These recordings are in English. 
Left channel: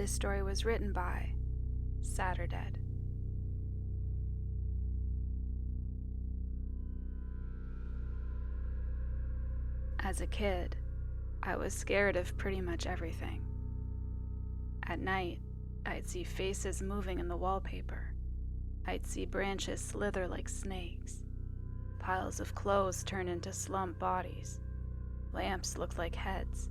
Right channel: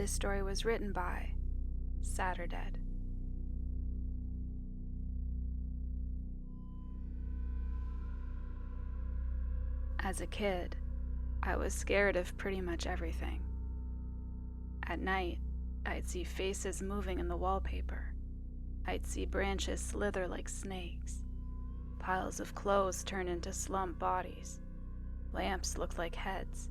This story was written by Saturdead. As a kid, I was scared of pretty much everything. At night, I'd see faces moving in the wallpaper. I'd see branches slither like snakes. Piles of clothes turn into slump bodies. Lamps looked like heads,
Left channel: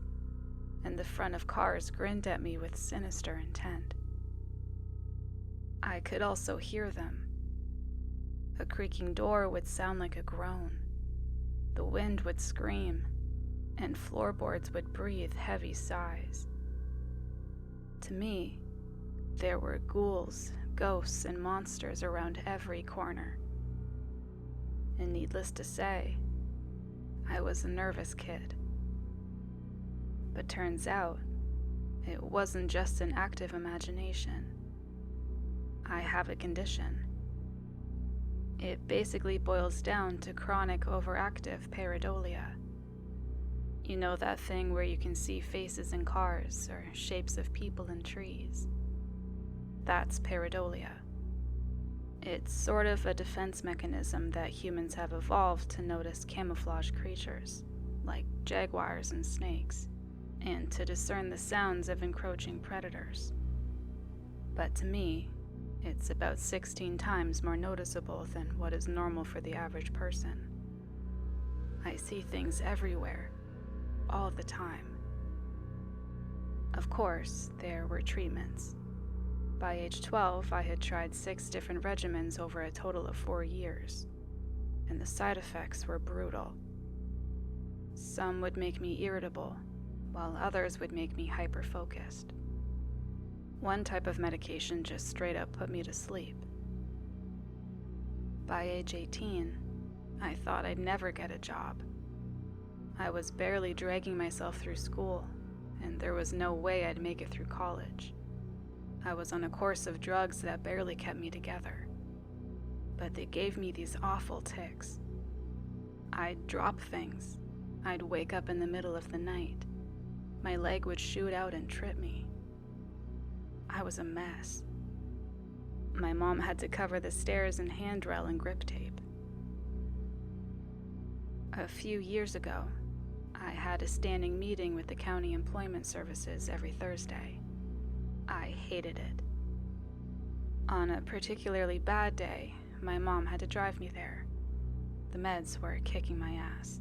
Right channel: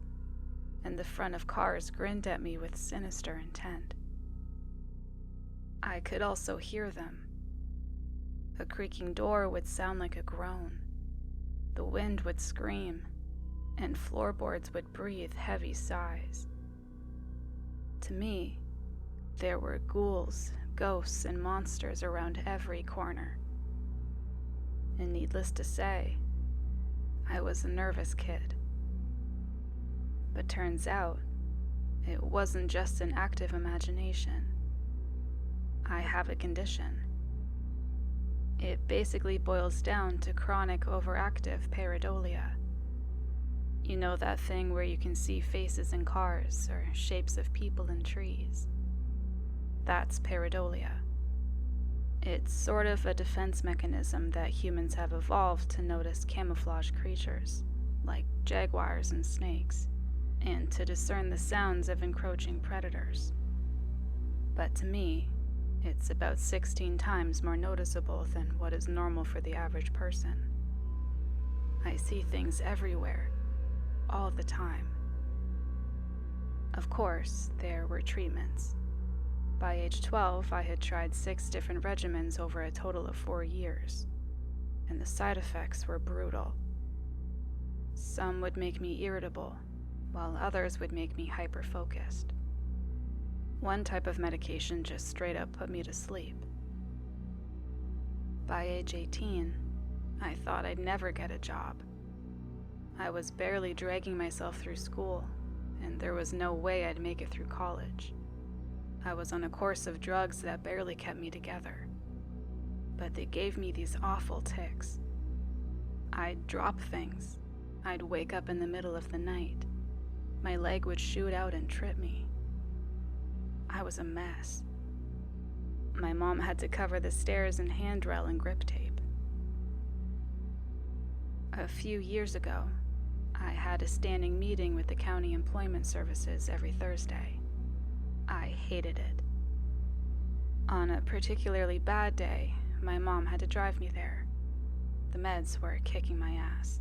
and the front of cars grinned at me with sinister intent. I could also hear them. A creaking door would sound like a groan. The wind would scream, and floorboards would breathe heavy sighs. To me, there were ghouls, ghosts, and monsters around every corner. And needless to say, I was a nervous kid. But turns out, it wasn't just an active imagination. I have a condition. It basically boils down to chronic overactive pareidolia. You know that thing where you can see faces in cars or shapes of people in trees? That's pareidolia. It's sort of a defense mechanism that humans have evolved to notice camouflage creatures, like jaguars and snakes, and to discern the sounds of encroaching predators. But to me, it's about 16 times more noticeable than what is normal for the average person. I see things everywhere, all the time. Of course, there were treatments. By age 12, I had tried 6 different regimens over a total of 4 years, and the side effects were brutal. Some would make me irritable, while others would make me hyper-focused. One type of medication just straight up put me to sleep. By age 18, I thought I'd never get a job. I was barely dragging myself through school, and there was no way I'd make it through college. I was on a course of drugs that barely kept me together, but they gave me these awful tics. I'd drop things. I'd wake up in the middle of the night. My leg would shoot out and trip me. I was a mess. My mom had to cover the stairs in handrail and grip tape. A few years ago, I had a standing meeting with the county employment services every Thursday. I hated it. On a particularly bad day, my mom had to drive me there. The meds were kicking my ass.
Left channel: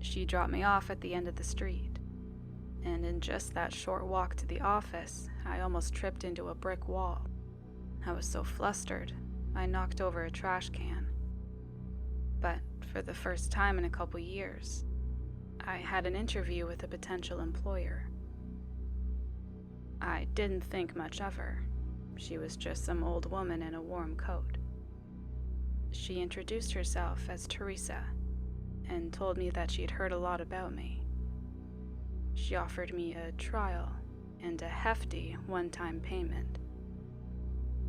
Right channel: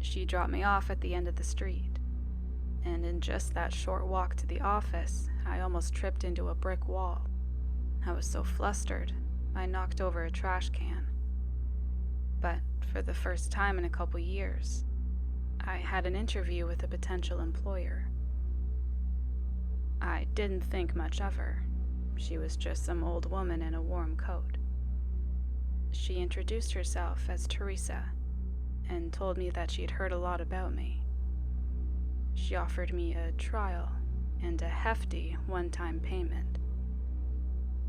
She dropped me off at the end of the street, and in just that short walk to the office, I almost tripped into a brick wall. I was so flustered, I knocked over a trash can. But for the first time in a couple years, I had an interview with a potential employer. I didn't think much of her. She was just some old woman in a warm coat. She introduced herself as Teresa and told me that she'd heard a lot about me. She offered me a trial and a hefty one-time payment.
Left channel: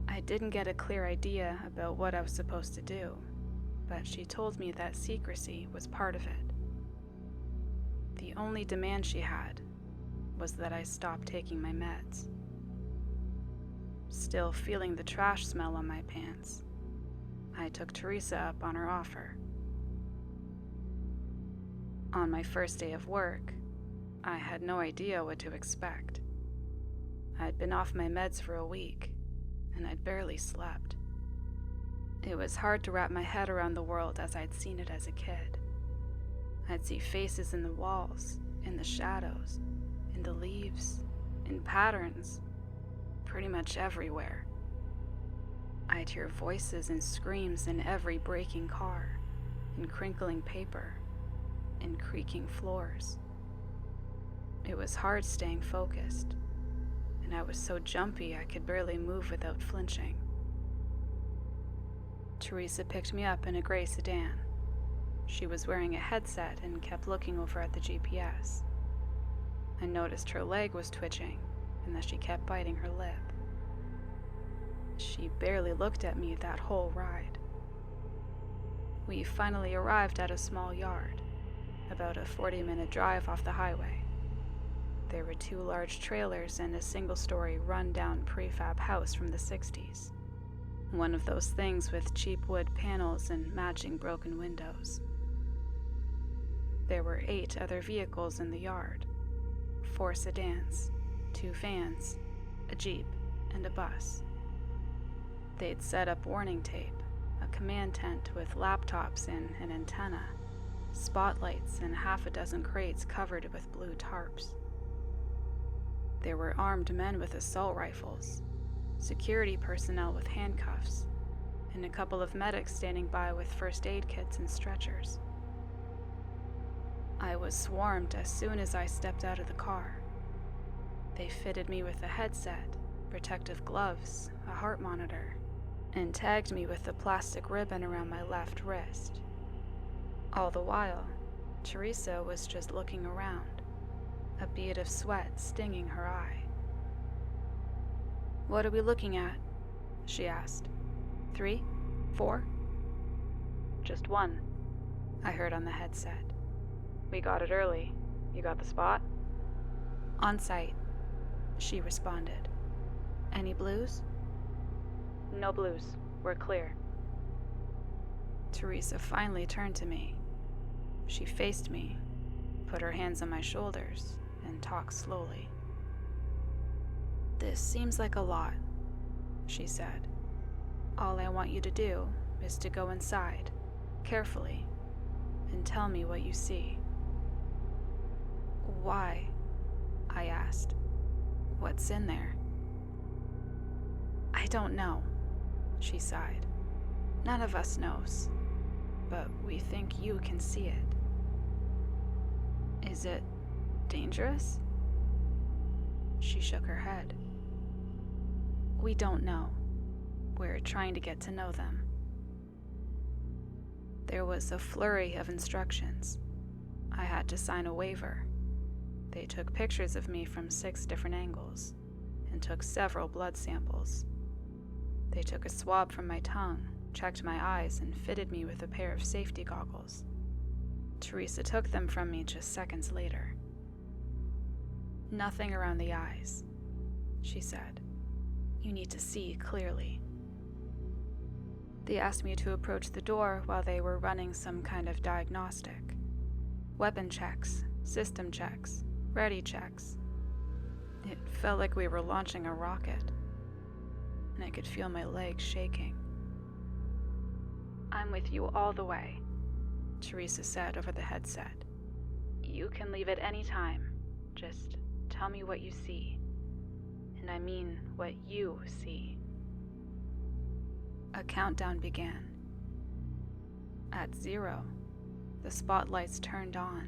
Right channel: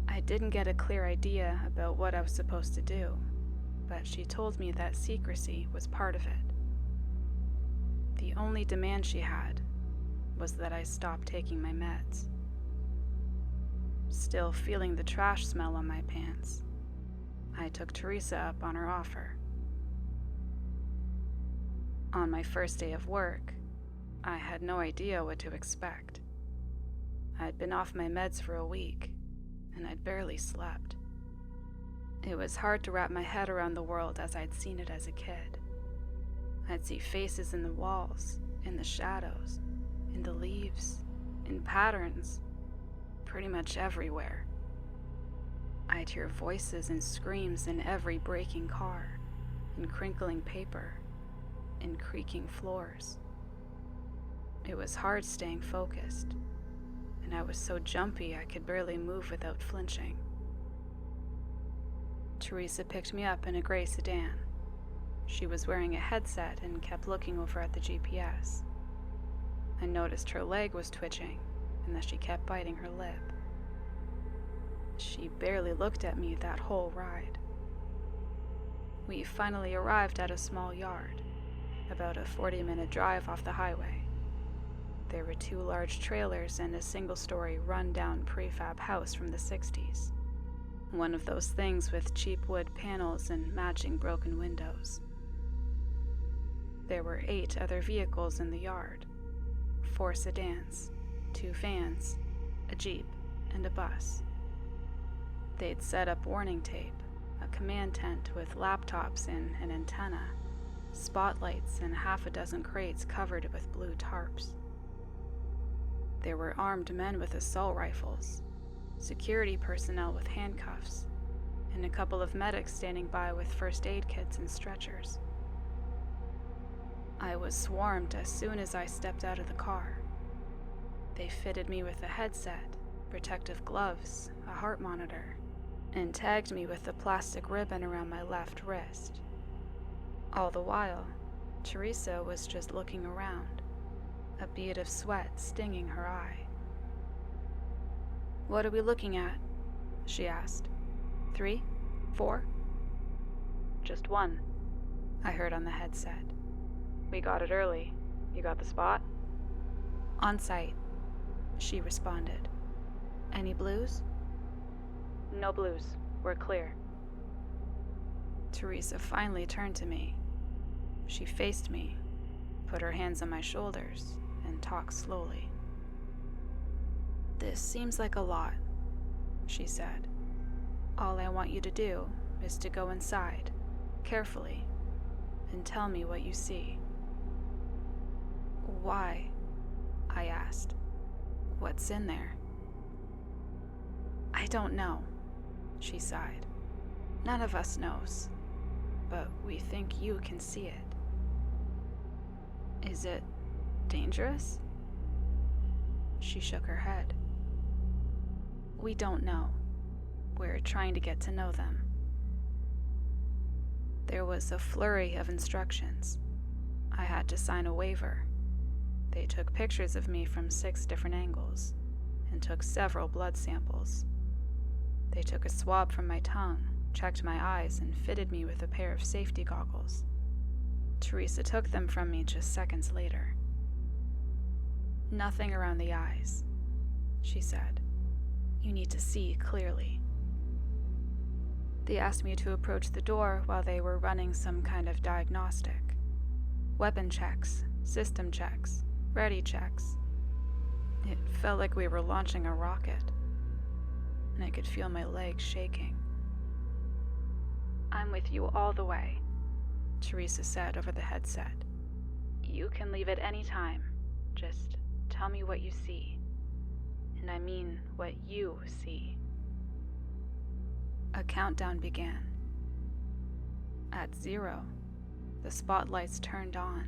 I didn't get a clear idea about what I was supposed to do, but she told me that secrecy was part of it. The only demand she had was that I stop taking my meds. Still feeling the trash smell on my pants, I took Teresa up on her offer. On my first day of work, I had no idea what to expect. I'd been off my meds for a week, and I'd barely slept. It was hard to wrap my head around the world as I'd seen it as a kid. I'd see faces in the walls, in the shadows, in the leaves, in patterns, pretty much everywhere. I'd hear voices and screams in every braking car, in crinkling paper, in creaking floors. It was hard staying focused, and I was so jumpy I could barely move without flinching. Teresa picked me up in a gray sedan. She was wearing a headset and kept looking over at the GPS. I noticed her leg was twitching and that she kept biting her lip. She barely looked at me that whole ride. We finally arrived at a small yard, about a 40-minute drive off the highway. There were 2 large trailers and a single-story run-down prefab house from the 60s. One of those things with cheap wood panels and matching broken windows. There were 8 other vehicles in the yard. 4 sedans, 2 vans, a jeep, and a bus. They'd set up warning tape, a command tent with laptops and an antenna, spotlights, and half a dozen crates covered with blue tarps. There were armed men with assault rifles, security personnel with handcuffs, and a couple of medics standing by with first aid kits and stretchers. I was swarmed as soon as I stepped out of the car. They fitted me with a headset, protective gloves, a heart monitor, and tagged me with a plastic ribbon around my left wrist. All the while, Teresa was just looking around, a bead of sweat stinging her eye. "What are we looking at?" she asked. 3? 4? "Just 1, I heard on the headset. "We got it early. You got the spot?" "On site," she responded. "Any blues?" "No blues. We're clear." Teresa finally turned to me. She faced me, put her hands on my shoulders, and talked slowly. "This seems like a lot," she said. "All I want you to do is to go inside, carefully, and tell me what you see." "Why?" I asked. "What's in there?" "I don't know," she sighed. "None of us knows, but we think you can see it." "Is it dangerous?" She shook her head. "We don't know. We're trying to get to know them." There was a flurry of instructions. I had to sign a waiver. They took pictures of me from 6 different angles and took several blood samples. They took a swab from my tongue, checked my eyes, and fitted me with a pair of safety goggles. Teresa took them from me just seconds later. "Nothing around the eyes," she said. "You need to see clearly." They asked me to approach the door while they were running some kind of diagnostic. Weapon checks, system checks, ready checks. It felt like we were launching a rocket, and I could feel my legs shaking. "I'm with you all the way," Teresa said over the headset. "You can leave at any time. Just tell me what you see. And I mean what you see." A countdown began. At 0, the spotlights turned on,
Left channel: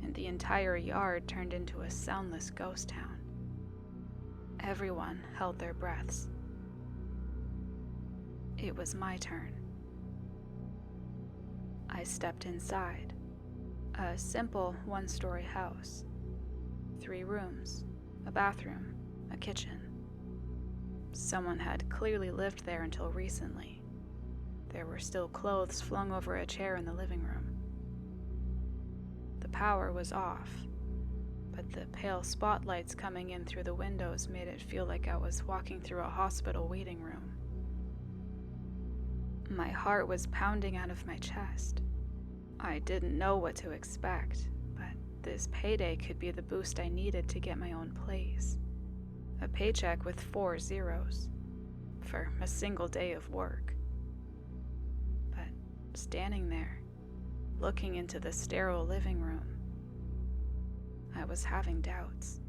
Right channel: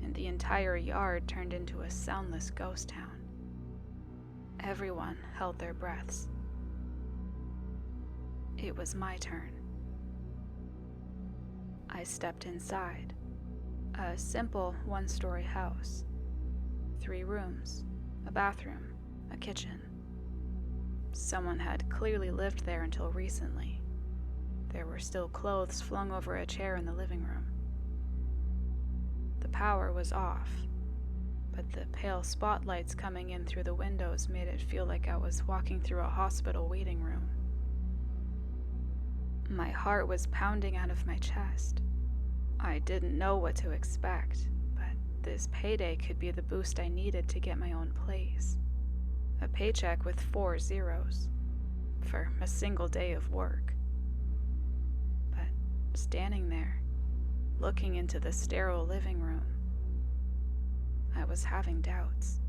and the entire yard turned into a soundless ghost town. Everyone held their breaths. It was my turn. I stepped inside. A simple 1-story house. 3 rooms, a bathroom, a kitchen. Someone had clearly lived there until recently. There were still clothes flung over a chair in the living room. The power was off, but the pale spotlights coming in through the windows made it feel like I was walking through a hospital waiting room. My heart was pounding out of my chest. I didn't know what to expect, but this payday could be the boost I needed to get my own place. A paycheck with 4 zeros for a single day of work. But standing there, looking into the sterile living room, I was having doubts.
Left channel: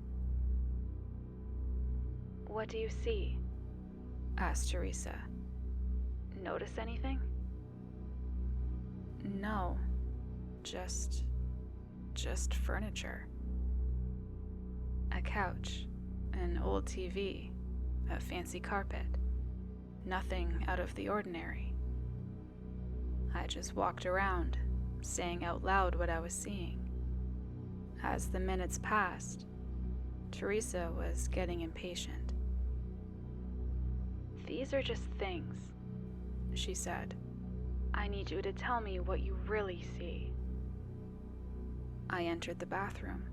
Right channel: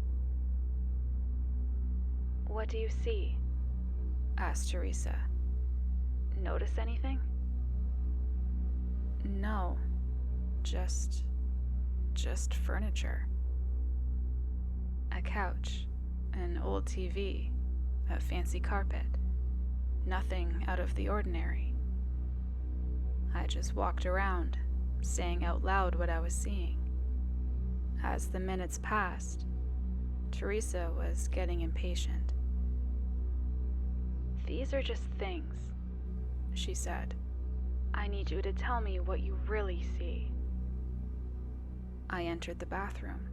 "What do you see?" asked Teresa. "Notice anything?" "No, just furniture. A couch, an old TV, a fancy carpet. Nothing out of the ordinary." I just walked around, saying out loud what I was seeing. As the minutes passed, Teresa was getting impatient. "These are just things," she said. "I need you to tell me what you really see." I entered the bathroom.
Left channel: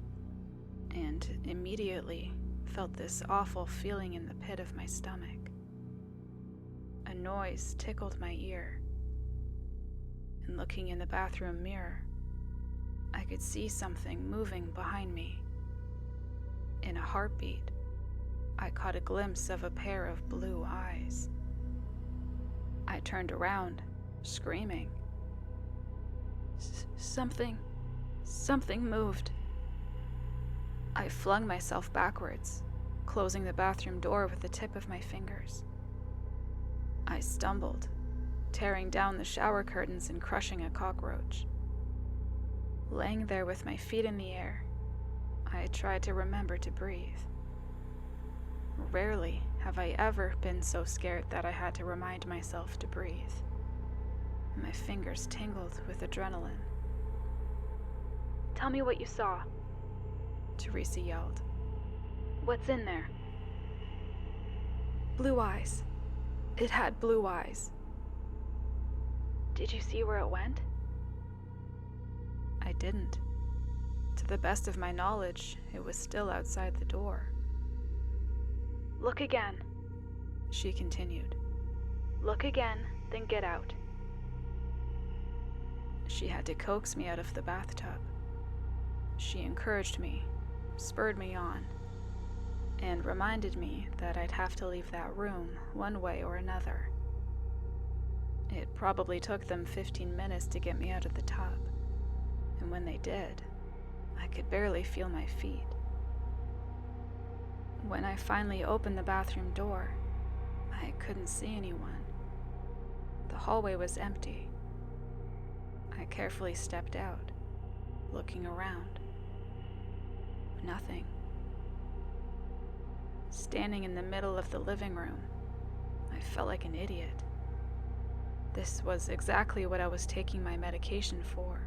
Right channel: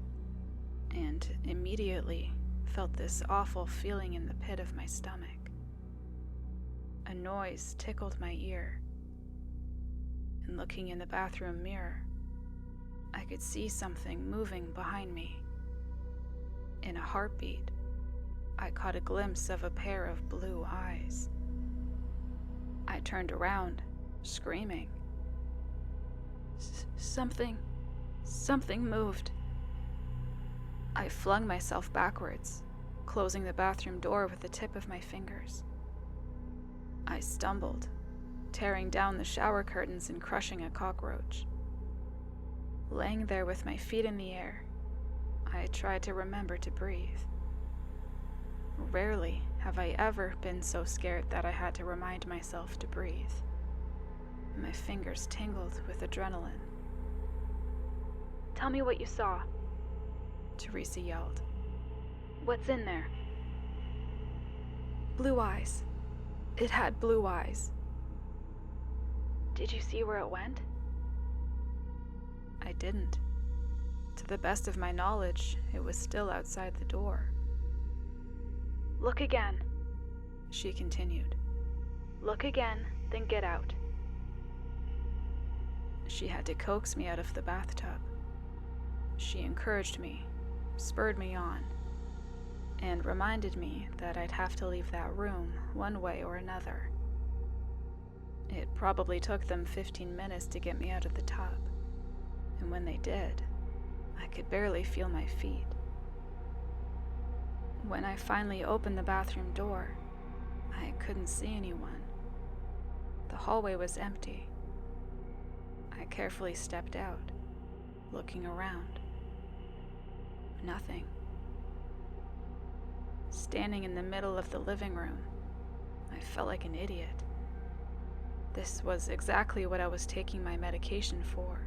and immediately felt this awful feeling in the pit of my stomach. A noise tickled my ear, and looking in the bathroom mirror, I could see something moving behind me. In a heartbeat, I caught a glimpse of a pair of blue eyes. I turned around, screaming. Something moved. I flung myself backwards, closing the bathroom door with the tip of my fingers. I stumbled, tearing down the shower curtains and crushing a cockroach. Laying there with my feet in the air, I tried to remember to breathe. Rarely have I ever been so scared that I had to remind myself to breathe. My fingers tingled with adrenaline. "Tell me what you saw," Teresa yelled. "What's in there?" "Blue eyes. It had blue eyes." "Did you see where it went?" I didn't. To the best of my knowledge, it was still outside the door. "Look again," she continued. "Look again, then get out." She had to coax me out of the bathtub. She encouraged me, spurred me on, and reminded me that I'd have to leave that room one way or another. It probably took them 15 minutes to get me out of the tub, and when they did, I could barely feel my feet. When I finally opened the bathroom door, I couldn't see anyone. The hallway was empty. I carefully stepped out, looking around. Nothing. Standing in the middle of the living room, I felt like an idiot. This was exactly what I was taking my medication for:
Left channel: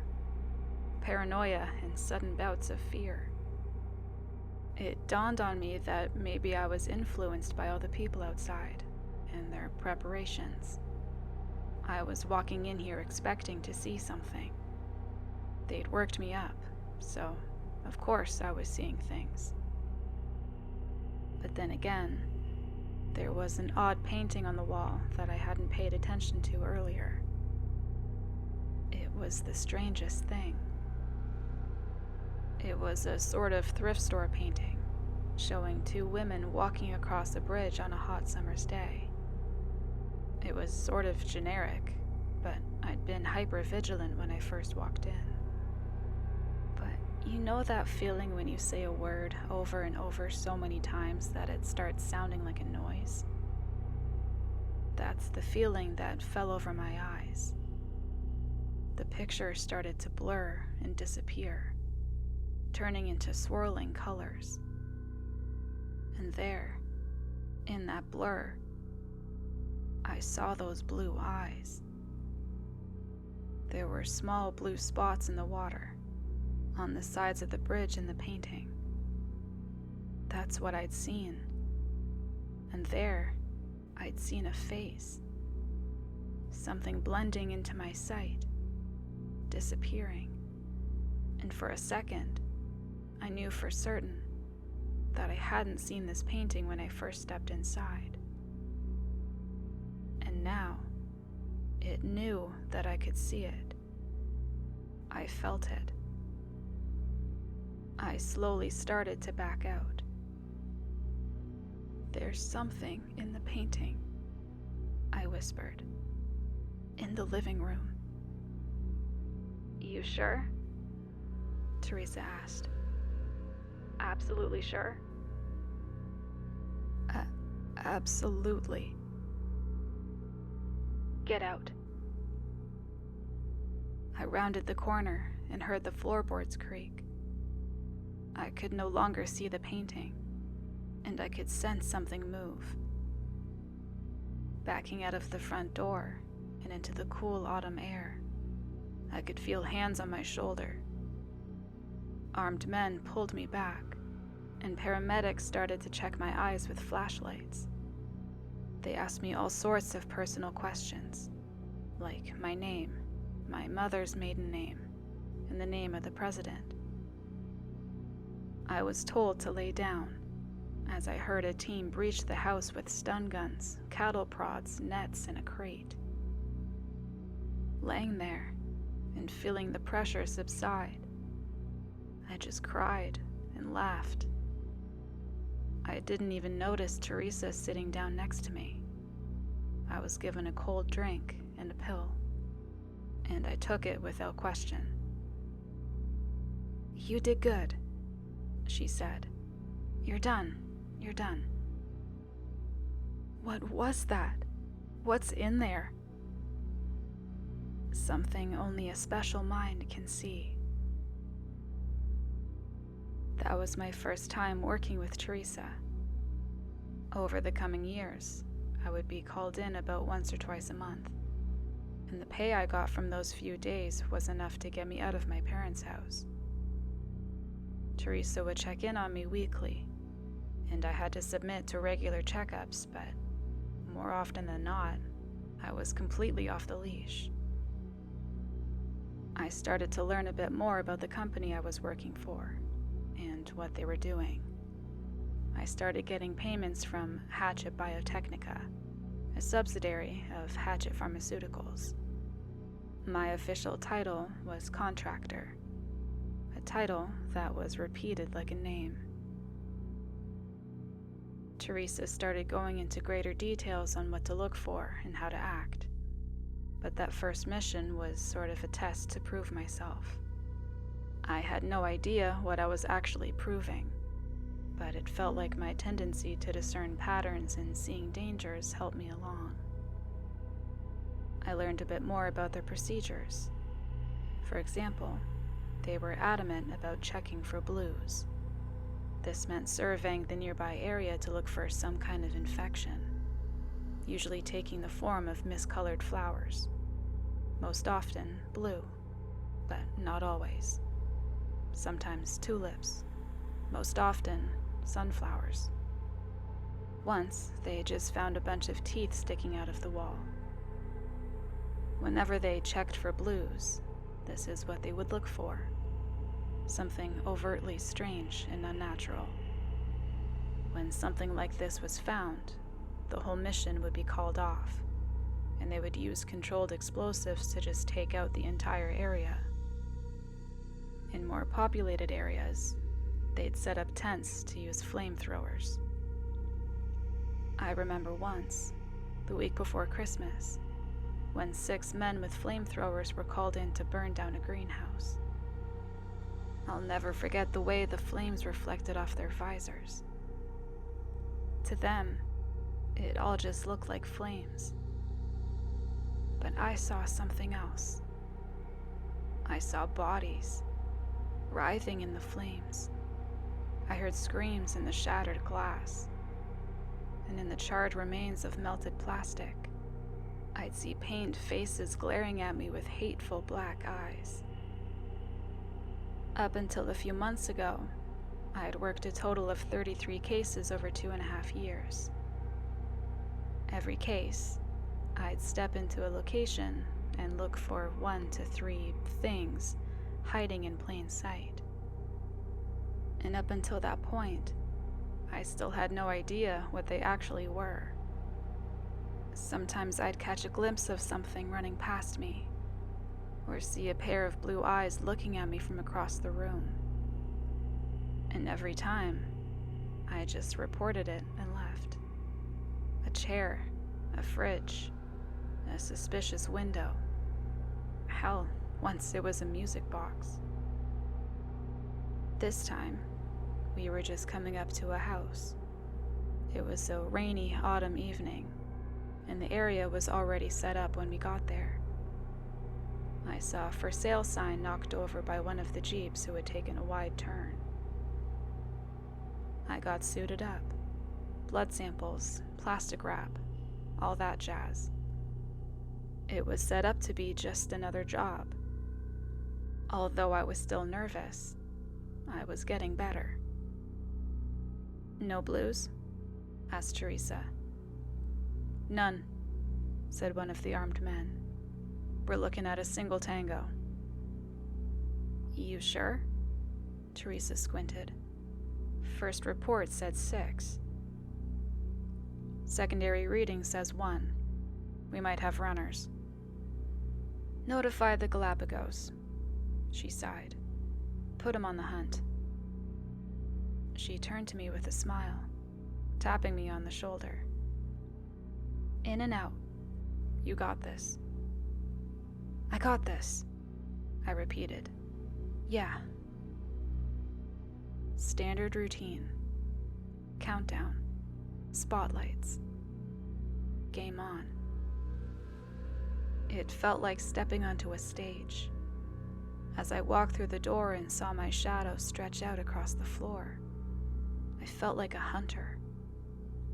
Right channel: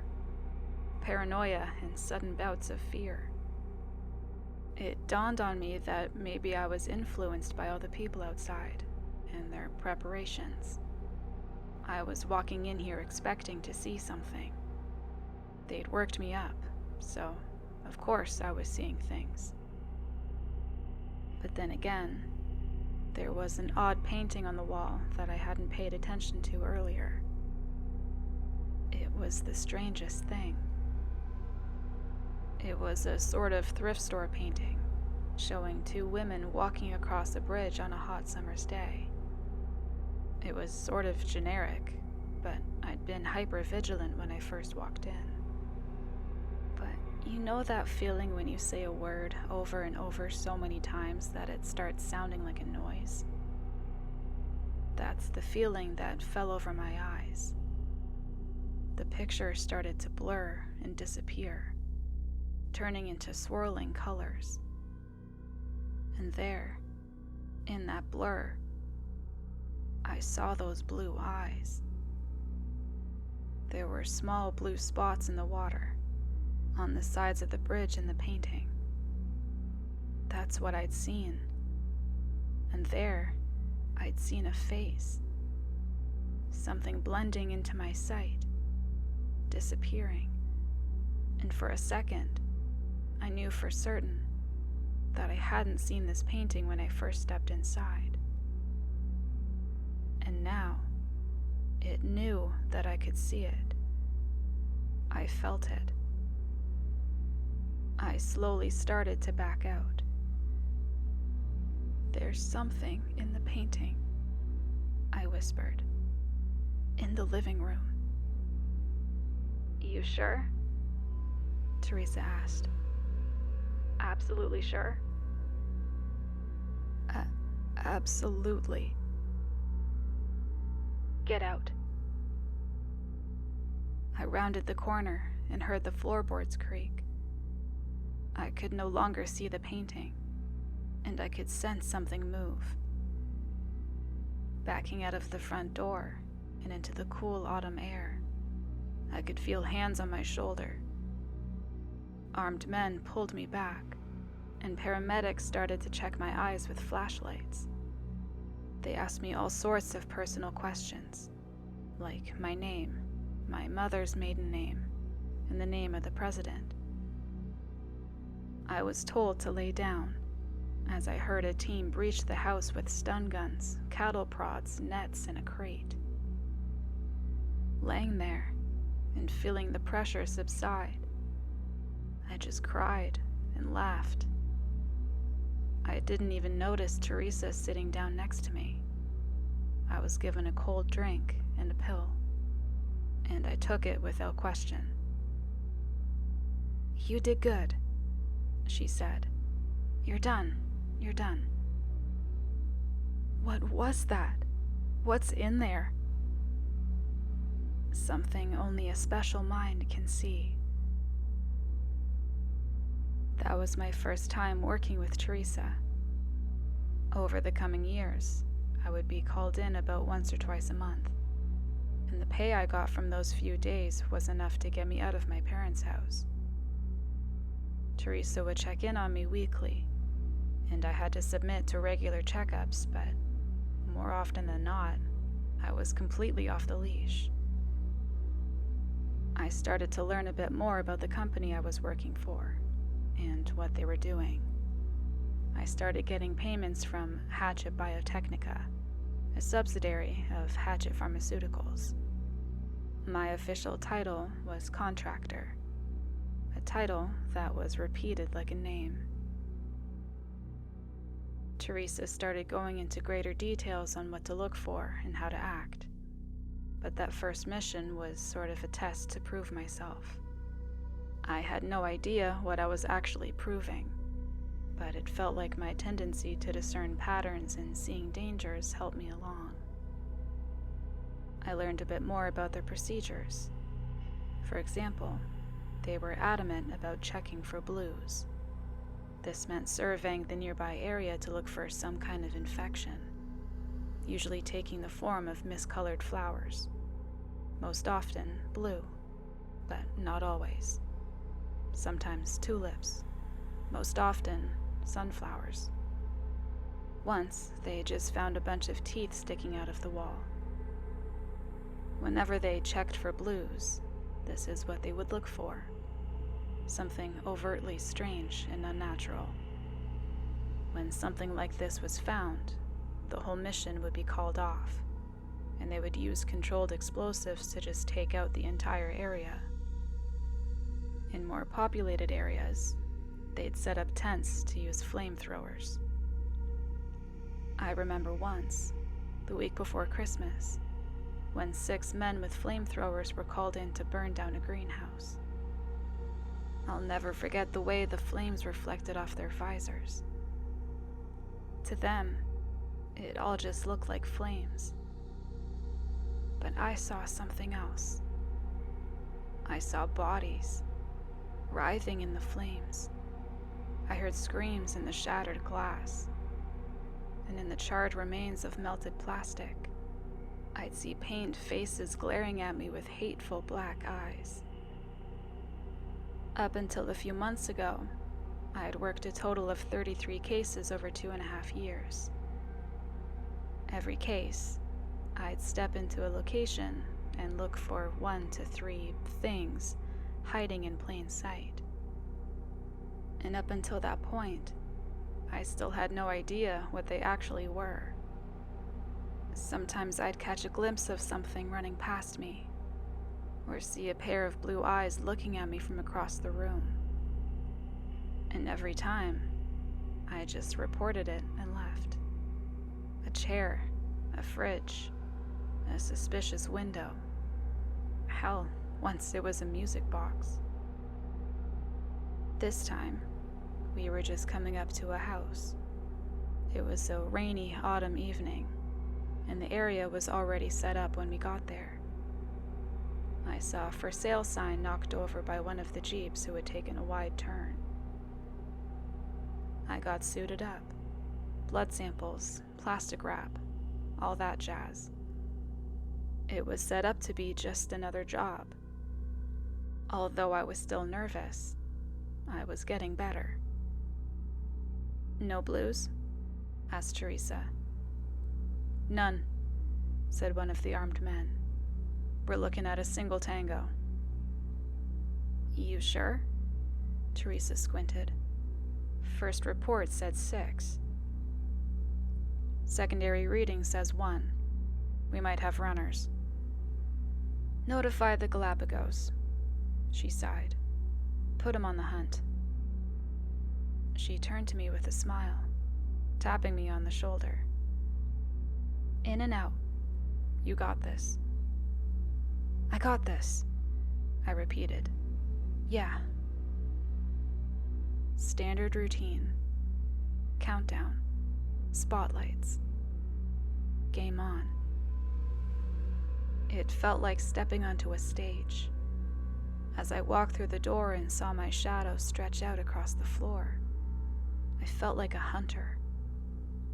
paranoia and sudden bouts of fear. It dawned on me that maybe I was influenced by all the people outside and their preparations. I was walking in here expecting to see something. They'd worked me up, so of course I was seeing things. But then again, there was an odd painting on the wall that I hadn't paid attention to earlier. It was the strangest thing. It was a sort of thrift store painting, showing two women walking across a bridge on a hot summer's day. It was sort of generic, but I'd been hyper-vigilant when I first walked in. But you know that feeling when you say a word over and over so many times that it starts sounding like a noise? That's the feeling that fell over my eyes. The picture started to blur and disappear, turning into swirling colors. And there, in that blur, I saw those blue eyes. There were small blue spots in the water, on the sides of the bridge in the painting. That's what I'd seen. And there, I'd seen a face. Something blending into my sight, disappearing. And for a second, I knew for certain that I hadn't seen this painting when I first stepped inside. And now, it knew that I could see it. I felt it. I slowly started to back out. "There's something in the painting," I whispered. "In the living room." "You sure?" Teresa asked. "Absolutely sure?" Absolutely. "Get out." I rounded the corner and heard the floorboards creak. I could no longer see the painting, and I could sense something move. Backing out of the front door and into the cool autumn air, I could feel hands on my shoulder. Armed men pulled me back, and paramedics started to check my eyes with flashlights. They asked me all sorts of personal questions, like my name, my mother's maiden name, and the name of the president. I was told to lay down, as I heard a team breach the house with stun guns, cattle prods, nets, and a crate. Laying there and feeling the pressure subside, I just cried and laughed. I didn't even notice Teresa sitting down next to me. I was given a cold drink and a pill, and I took it without question. "You did good," she said. You're done. You're done." What was that? What's in there? Something only a special mind can see. That was my first time working with Teresa. Over the coming years, I would be called in about once or twice a month, and the pay I got from those few days was enough to get me out of my parents' house. Teresa would check in on me weekly, and I had to submit to regular checkups, but more often than not, I was completely off the leash. I started to learn a bit more about the company I was working for and what they were doing. I started getting payments from Hatchet Biotechnica, a subsidiary of Hatchet Pharmaceuticals. My official title was contractor, a title that was repeated like a name. Teresa started going into greater details on what to look for and how to act, but that first mission was sort of a test to prove myself. I had no idea what I was actually proving, but it felt like my tendency to discern patterns and seeing dangers helped me along. I learned a bit more about their procedures. For example, they were adamant about checking for blues. This meant surveying the nearby area to look for some kind of infection, usually taking the form of miscolored flowers, most often blue, but not always. Sometimes tulips, most often sunflowers. Once, they just found a bunch of teeth sticking out of the wall. Whenever they checked for blues, this is what they would look for. Something overtly strange and unnatural. When something like this was found, the whole mission would be called off, and they would use controlled explosives to just take out the entire area. In more populated areas, they'd set up tents to use flamethrowers. I remember once, the week before Christmas, when 6 men with flamethrowers were called in to burn down a greenhouse. I'll never forget the way the flames reflected off their visors. To them, it all just looked like flames. But I saw something else. I saw bodies, writhing in the flames. I heard screams in the shattered glass, and in the charred remains of melted plastic, I'd see pained faces glaring at me with hateful black eyes. Up until a few months ago, I had worked a total of 33 cases over 2.5 years. Every case, I'd step into a location and look for 1 to 3 things hiding in plain sight. And up until that point, I still had no idea what they actually were. Sometimes I'd catch a glimpse of something running past me, or see a pair of blue eyes looking at me from across the room. And every time, I just reported it and left. A chair, a fridge, a suspicious window. Hell, once it was a music box. This time, we were just coming up to a house. It was a rainy autumn evening, and the area was already set up when we got there. I saw a for sale sign knocked over by one of the Jeeps who had taken a wide turn. I got suited up. Blood samples, plastic wrap, all that jazz. It was set up to be just another job. Although I was still nervous, I was getting better. "No blues?" asked Teresa. "None," said one of the armed men. "We're looking at a single tango." "You sure?" Teresa squinted. First report said 6. Secondary reading says 1. We might have runners. Notify the Galapagos, she sighed. Put 'em on the hunt. She turned to me with a smile, tapping me on the shoulder. In and out. You got this. I got this, I repeated. Yeah. Standard routine. Countdown. Spotlights. Game on. It felt like stepping onto a stage. As I walked through the door and saw my shadow stretch out across the floor, I felt like a hunter.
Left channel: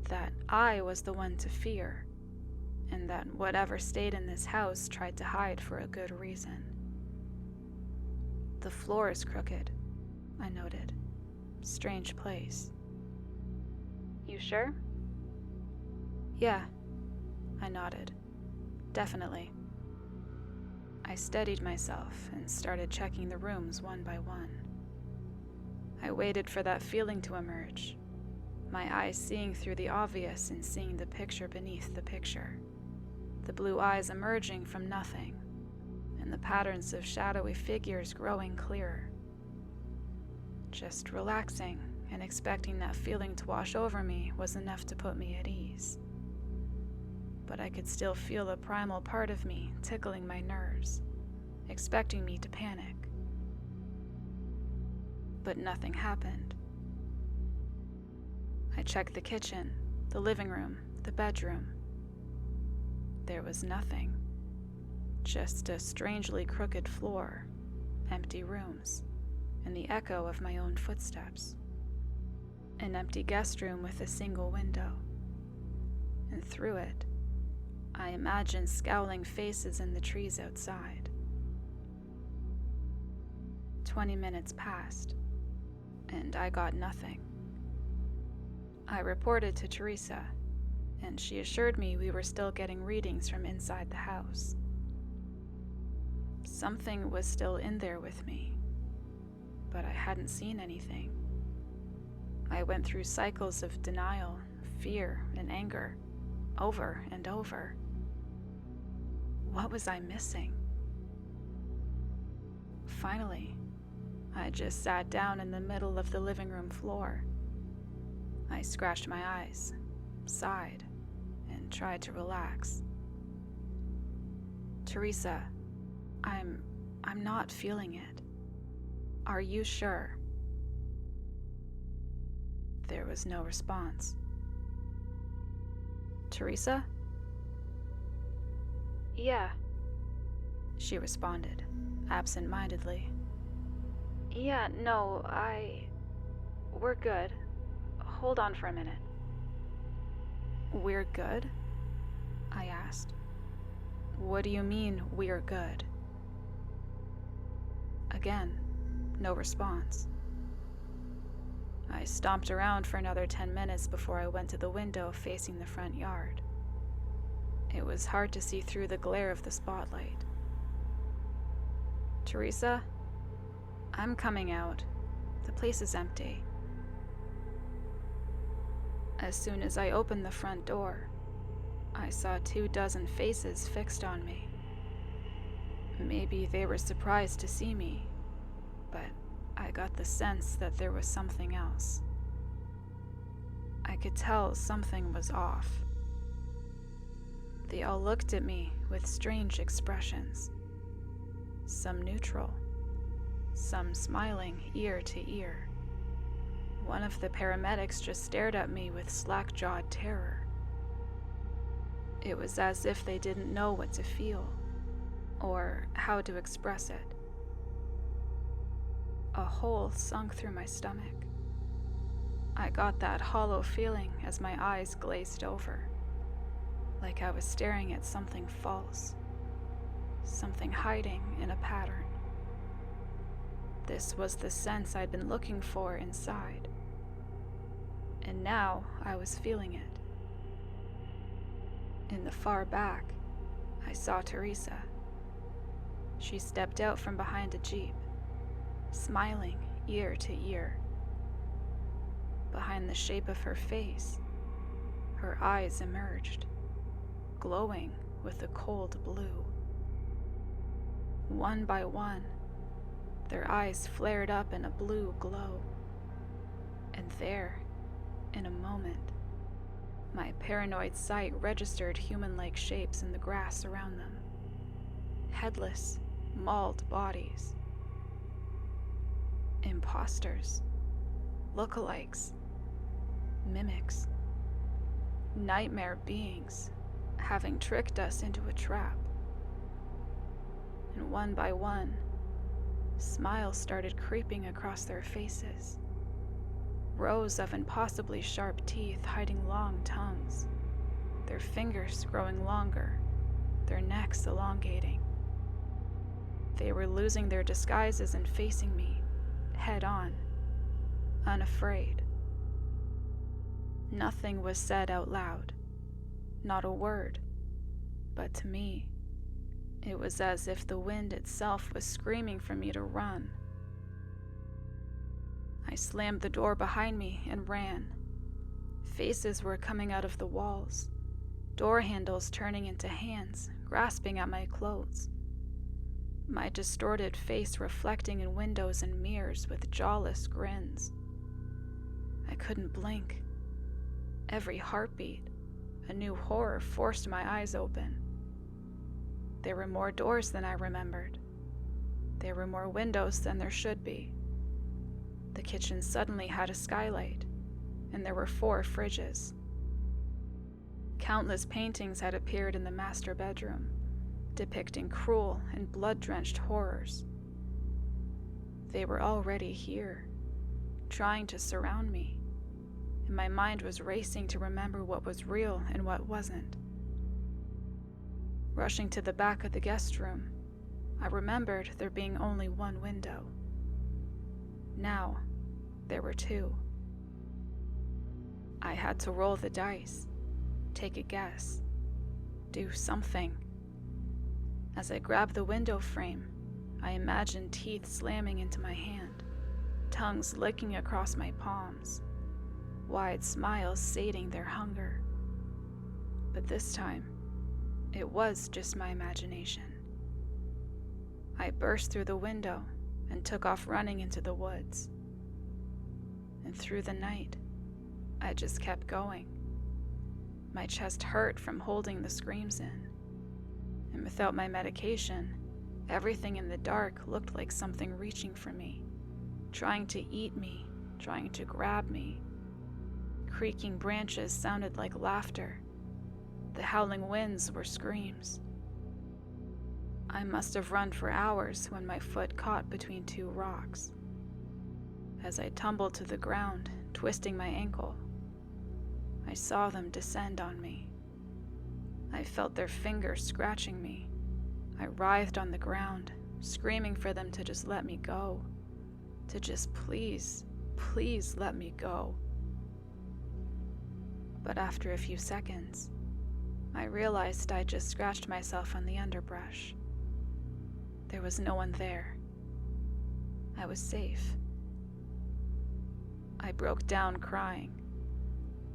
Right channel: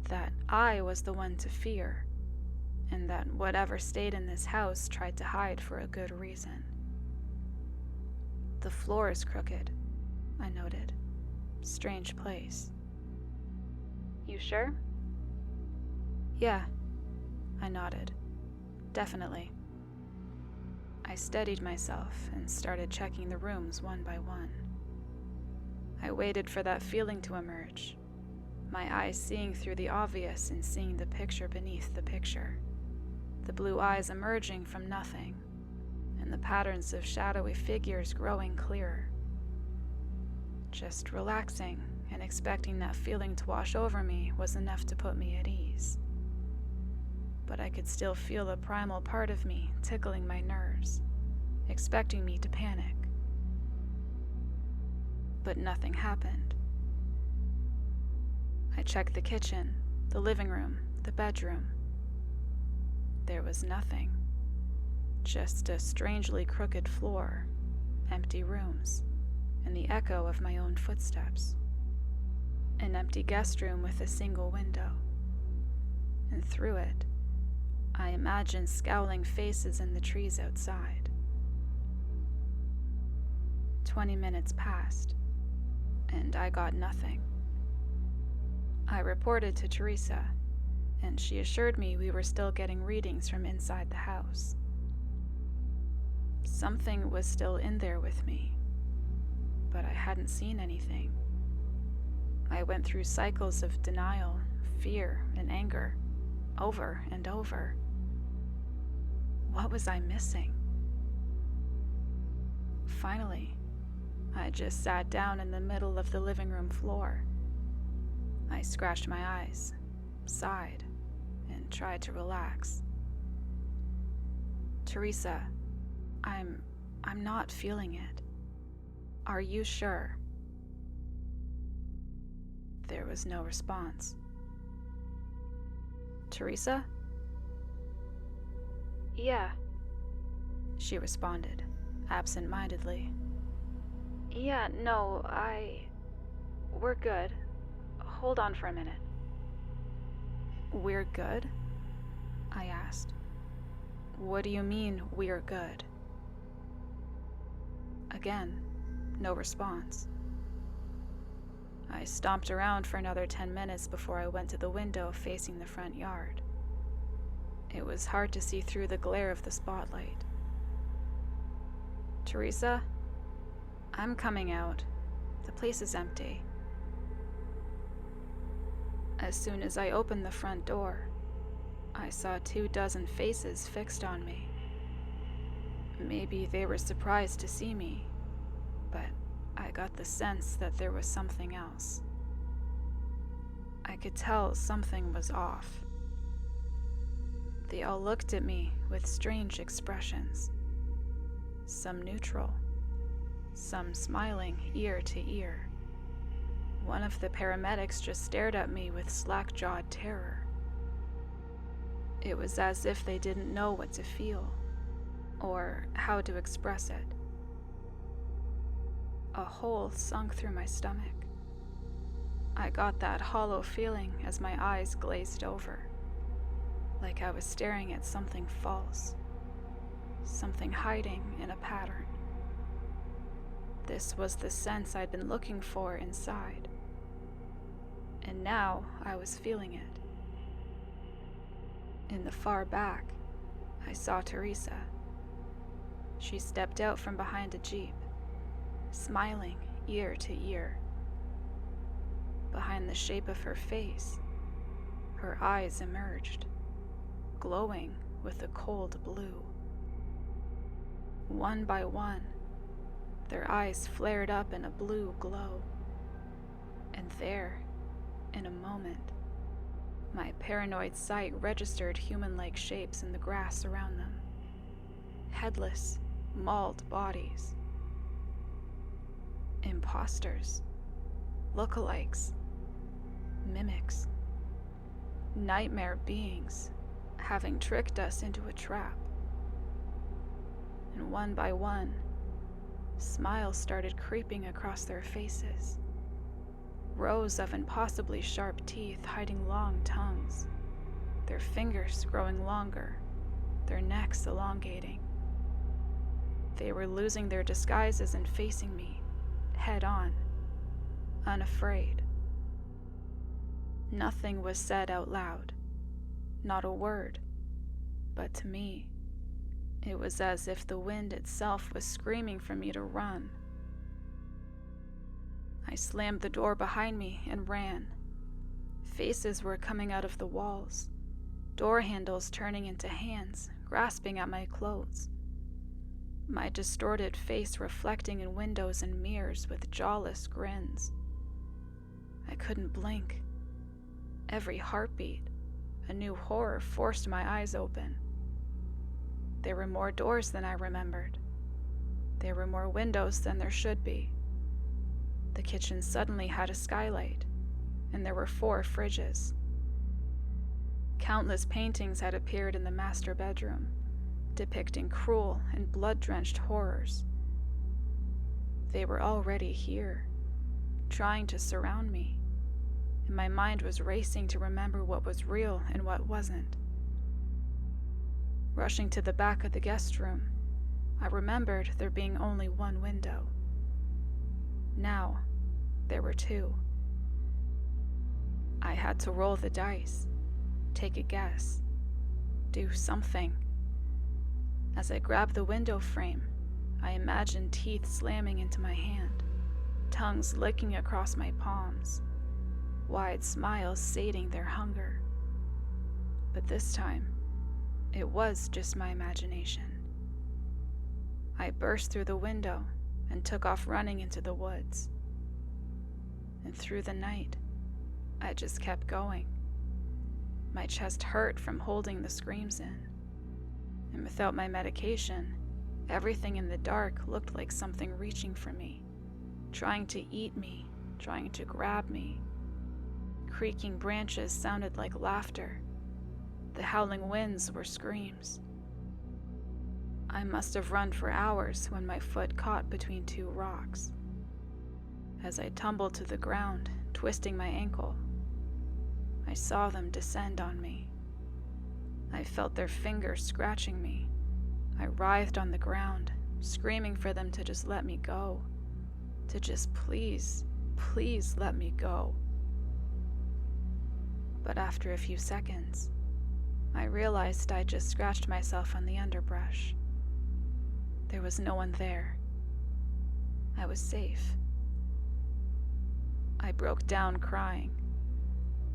That I was the one to fear, and that whatever stayed in this house tried to hide for a good reason. The floor is crooked, I noted. Strange place. You sure? Yeah, I nodded. Definitely. I steadied myself and started checking the rooms one by one. I waited for that feeling to emerge, my eyes seeing through the obvious and seeing the picture beneath the picture, the blue eyes emerging from nothing, and the patterns of shadowy figures growing clearer. Just relaxing and expecting that feeling to wash over me was enough to put me at ease. But I could still feel a primal part of me tickling my nerves, expecting me to panic. But nothing happened. I checked the kitchen, the living room, the bedroom. There was nothing. Just a strangely crooked floor, empty rooms, and the echo of my own footsteps. An empty guest room with a single window. And through it, I imagined scowling faces in the trees outside. 20 minutes passed, and I got nothing. I reported to Teresa, and she assured me we were still getting readings from inside the house. Something was still in there with me, but I hadn't seen anything. I went through cycles of denial, fear, and anger, over and over. What was I missing? Finally, I just sat down in the middle of the living room floor. I scratched my eyes, sighed, and tried to relax. Teresa, I'm not feeling it. Are you sure? There was no response. Teresa? Yeah, she responded, absent-mindedly. Yeah, no, we're good. Hold on for a minute. We're good? I asked. What do you mean, we're good? Again, no response. I stomped around for another 10 minutes before I went to the window facing the front yard. It was hard to see through the glare of the spotlight. Teresa? I'm coming out. The place is empty. As soon as I opened the front door, I saw 24 faces fixed on me. Maybe they were surprised to see me, but I got the sense that there was something else. I could tell something was off. They all looked at me with strange expressions. Some neutral, some smiling ear to ear. One of the paramedics just stared at me with slack-jawed terror. It was as if they didn't know what to feel, or how to express it. A hole sunk through my stomach. I got that hollow feeling as my eyes glazed over, like I was staring at something false, something hiding in a pattern. This was the sense I'd been looking for inside, and now I was feeling it. In the far back, I saw Teresa. She stepped out from behind a jeep, smiling ear to ear. behind the shape of her face, her eyes emerged, glowing with a cold blue. One by one, their eyes flared up in a blue glow. And there, in a moment, my paranoid sight registered human-like shapes in the grass around them. Headless, mauled bodies. Imposters. Lookalikes. Mimics. Nightmare beings, having tricked us into a trap. And one by one, smiles started creeping across their faces. Rows of impossibly sharp teeth hiding long tongues, their fingers growing longer, their necks elongating. They were losing their disguises and facing me, head on, unafraid. Nothing was said out loud, not a word, but to me, it was as if the wind itself was screaming for me to run. I slammed the door behind me and ran. Faces were coming out of the walls, door handles turning into hands, grasping at my clothes. My distorted face reflecting in windows and mirrors with jawless grins. I couldn't blink. Every heartbeat, a new horror forced my eyes open. There were more doors than I remembered. There were more windows than there should be. The kitchen suddenly had a skylight, and there were 4 fridges. Countless paintings had appeared in the master bedroom, depicting cruel and blood-drenched horrors. They were already here, trying to surround me, and my mind was racing to remember what was real and what wasn't. Rushing to the back of the guest room, I remembered there being only one window. Now, there were 2. I had to roll the dice, take a guess, do something. As I grabbed the window frame, I imagined teeth slamming into my hand, tongues licking across my palms, wide smiles sating their hunger. But this time, it was just my imagination. I burst through the window and took off running into the woods. And through the night, I just kept going. My chest hurt from holding the screams in. And without my medication, everything in the dark looked like something reaching for me, trying to eat me, trying to grab me. Creaking branches sounded like laughter. The howling winds were screams. I must have run for hours when my foot caught between 2 rocks. As I tumbled to the ground, twisting my ankle, I saw them descend on me. I felt their fingers scratching me. I writhed on the ground, screaming for them to just let me go. To just please, please let me go. But after a few seconds, I realized I'd just scratched myself on the underbrush. There was no one there. I was safe. I broke down crying,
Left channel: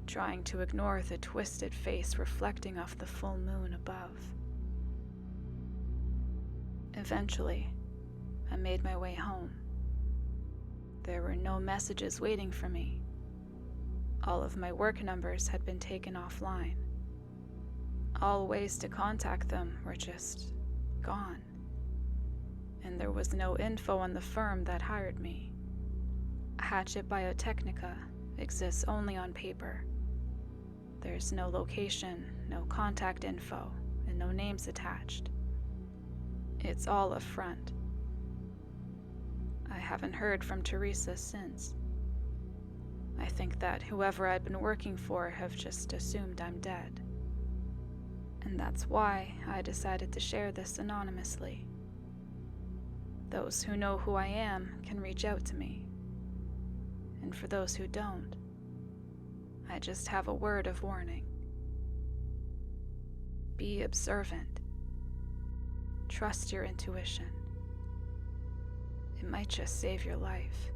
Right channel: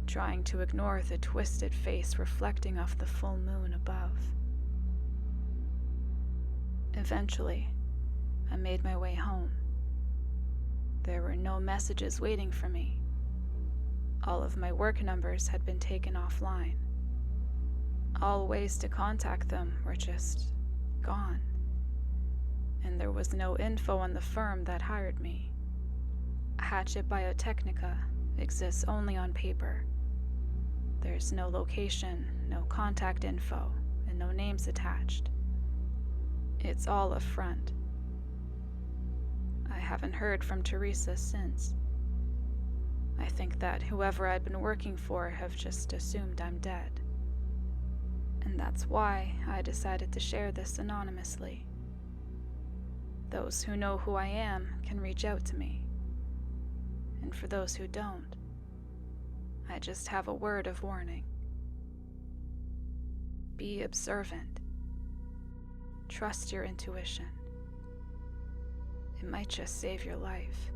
trying to ignore the twisted face reflecting off the full moon above. Eventually, I made my way home. There were no messages waiting for me. All of my work numbers had been taken offline. All ways to contact them were just gone. And there was no info on the firm that hired me. Hatchet Biotechnica exists only on paper. There's no location, no contact info, and no names attached. It's all a front. I haven't heard from Teresa since. I think that whoever I'd been working for have just assumed I'm dead. And that's why I decided to share this anonymously. Those who know who I am can reach out to me. And for those who don't, I just have a word of warning. Be observant. Trust your intuition. It might just save your life.